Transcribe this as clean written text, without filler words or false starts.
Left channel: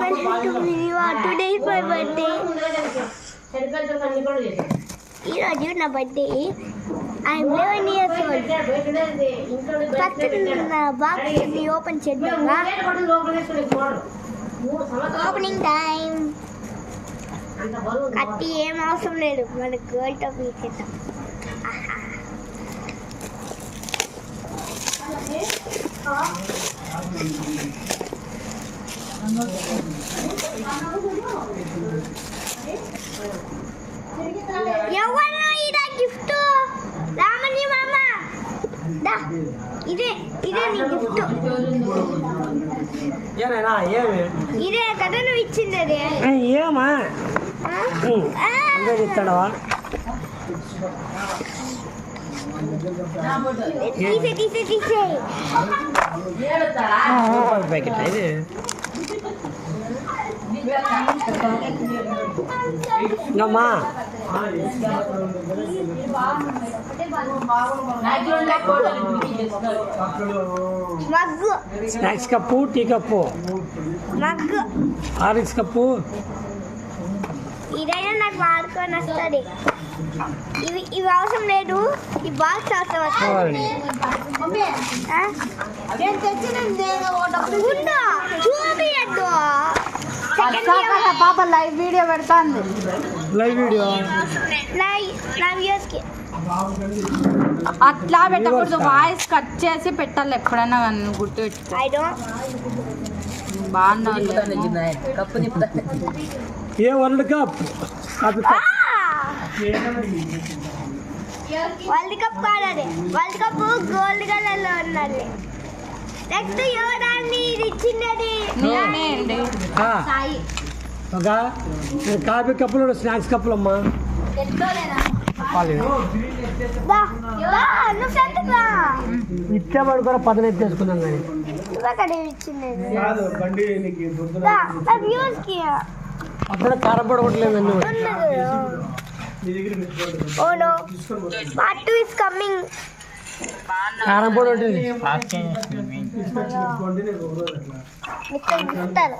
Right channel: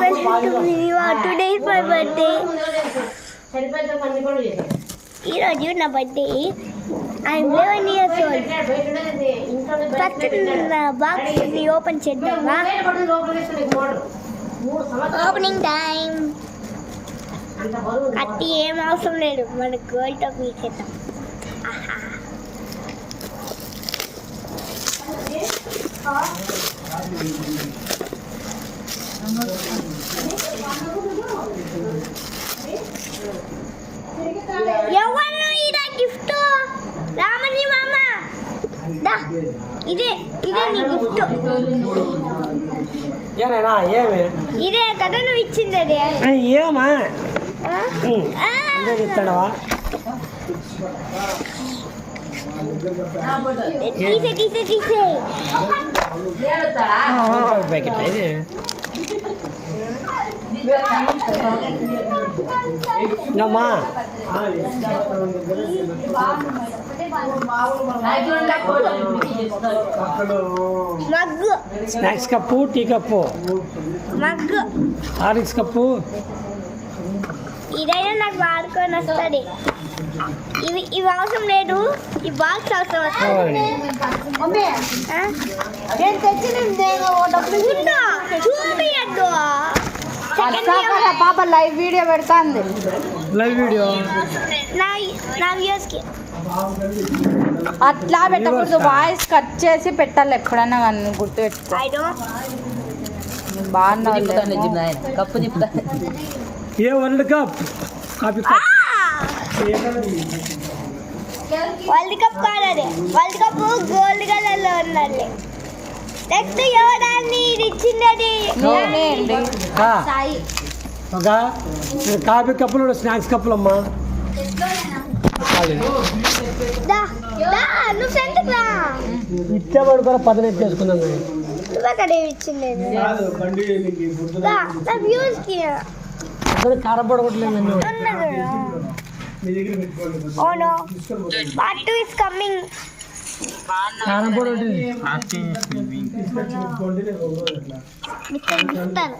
welcome to Viniva. Today is my birthday. ఈరోజు నా birthday. I'm 11 years old. First నా బాక్స్ని ఓపెన్ చేద్దామా? Opening time. కట్టి ఏం అవసరం లేదు, మన గోల్డ్ టాప్ తీసేద్దాం. ఎవరు ఇదా గిఫ్ట్? రామని మామ దా, ఇదే నీ గిఫ్ట్. ఇదే కదా నువ్వు ఇచ్చింది. అదే ఏమా చెప్తాడవా? తీసే ప్యాకెట్ ఇది. అమ్మా mug, snacks cup, tea cup, mug, Horlicks cup. ఇదైనా నాకు వాడుకొని వస్తుంది. ఇవి అవసరం లేదు, ఈ బాక్స్ అవసరం వస్తుంది. చూపియద్దు. సెకండ్ పాప లైవ్ వీడియో పెడతాంది. లైవ్ వీడియో నా వ్యూస్కి అట్లా పెట్టకూడదు, వాయిస్ కట్ చేసి పెట్టాలి ఎప్పుడైనా కానీ గుర్తు పెట్టుకో. ఐ డోంట్ బాగున్నాయి. కప్పు నింపుతా. ఏ వరల్డ్ కప్ వరల్డ్ కప్ కాదు, వరల్డ్ కప్ గోల్డ్ కలర్ లో ఉన్నది. నెక్స్ట్ ఎవరాన్ని ఇచ్చింది? ఒక కాఫీ కప్పులు, స్నాక్స్ కప్పులు అమ్మా. నువ్వు ఫ్రెండ్కి రా. ఇచ్చామని కూడా పదవి చేసుకున్నాం. నువ్వే ఇచ్చింది నా వ్యూస్కి. కారపొడి ఒకటి లేదు. Oh no, part 2 is coming. కారపొడి ఒకటి ఇస్తాను.